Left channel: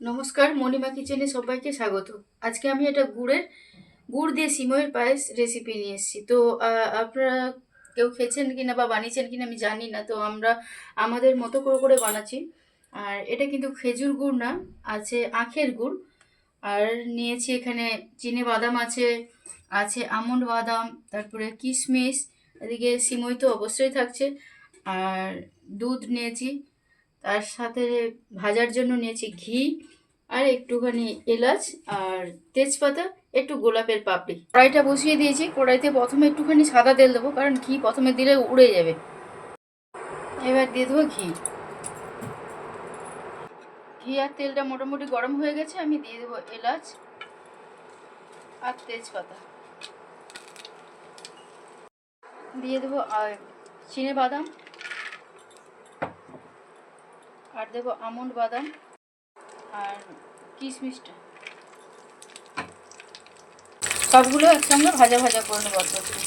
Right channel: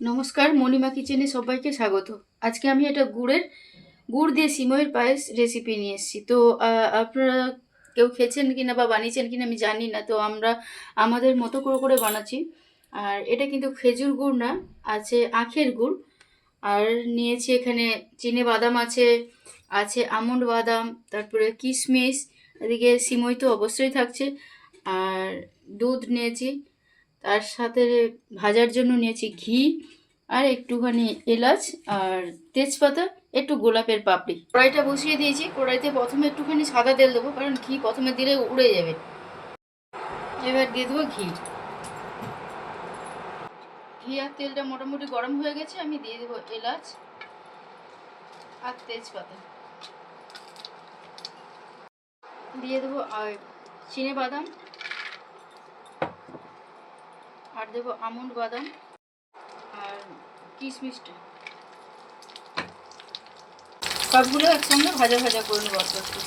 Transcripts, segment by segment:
নমস্কার, মণিমা কিচেনে সবাইকে স্বাগত। আজকে আমি একটা গুড় দিয়ে সিমইয়ের পায়েস রেসিপি নিয়ে এসেছি। তো আপনারা কেউ খেয়েছেন কিনা বা বানিয়েছেন কিনা আমি জানি না। তো আমরা আমাদের মতো করে বানাচ্ছি। আর এটা কিন্তু খেজুর গুড় না, আছে আখের গুড়। আর নিয়েছি এখানে চিনে বাদাম আছে, আছে আমন্ড বাদাম, তারপরে কিশমিশ, এদিকে সিমই তো অবশ্যই থাকছে। আর দুধ নিয়েছি, তার সাথে ভাজার জন্য নিয়েছি ঘি, আর একটুখানি এলাচ, আর তেজপাতা, একটু গোলাপের পাপড়ি। কড়াইটা বসিয়ে দিয়েছি। কড়াইতে প্রথমে একটুখানি সাদা তেল দেবো, কারণ ঘি প্রথমে দিলে উড়ে যাবে। এবার দিয়ে দেবো ঘি। ঘি আর তেলটা মোটামুটি গরম হয়ে গেছে। আমি দিয়ে দেবো এলাচ আর তেজপাতা, দিয়ে দেবো চিনে বাদাম, আর দেবো আমন্ড বাদাম আর কিশমিশটা। সবগুলো একসঙ্গে ভাজা ভাজা করে নেবো অল্প একটু।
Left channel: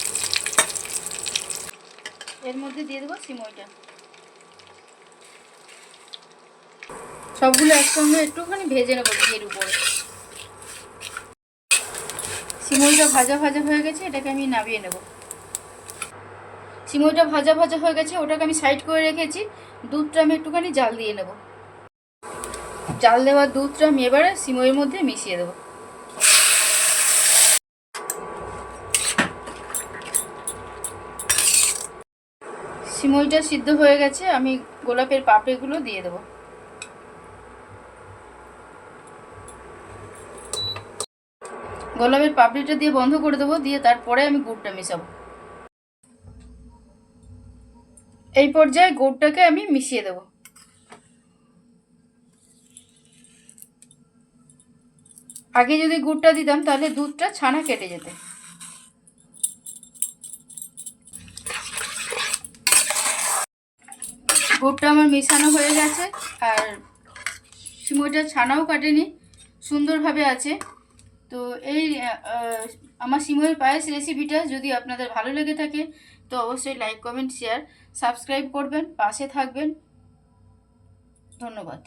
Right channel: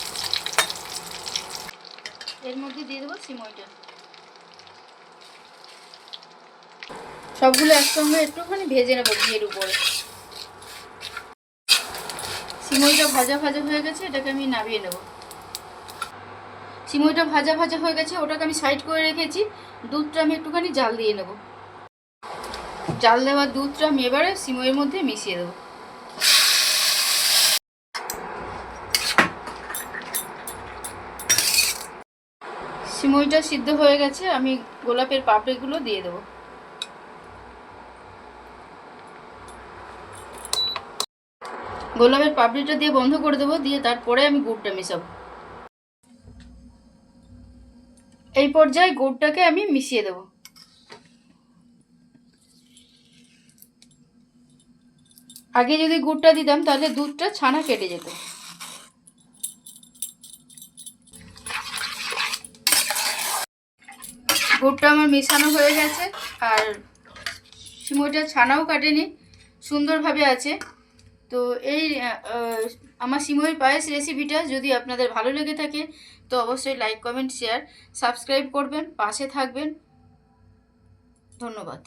এর মধ্যে দিয়ে দেবো সিমইটা। সবগুলো একসঙ্গে একটুখানি ভেজে নেবো ঘিয়ের উপরে। সিমইটা ভাজা ভাজা হয়ে গেছে, এটাকে আমি নামিয়ে নেব। সিমইটা ভাজা ভাজা হয়ে গেছে, ওটাকে আমি সাইড করে রেখেছি। দুধটা আমি একটুখানি জাল দিয়ে নেব। জাল দেওয়া দুধটা আমি এবারে সিমইয়ের মধ্যে মিশিয়ে দেবো। সিমইটা সিদ্ধ হয়ে গেছে, আমি গোলাপের পাপড়িগুলো দিয়ে দেবো। গোলাপের পাপড়িটা দিয়ে বন্ধ করে দেবো, দিয়ে তারপরে আমি গুড়টা মেশাবো। এই পর্যায়ে গুড়টাকে আমি মিশিয়ে দেবো। আগে যদি গুড়টা দিতাম তাহলে দুধটা ছানা কেটে যেত। গুড়টা আমার মেশানো হয়ে গেছে, আর সিমইটা ছানাও কাটেনি, সুন্দরভাবে আছে। তো এই আমার সিমইয়ের পায়েস রেসিপিটা যদি আপনাদের ভালো লেগে থাকে তো অবশ্যই লাইক, কমেন্ট, শেয়ার, সাবস্ক্রাইব করবেন, পাশে থাকবেন। ধন্যবাদ।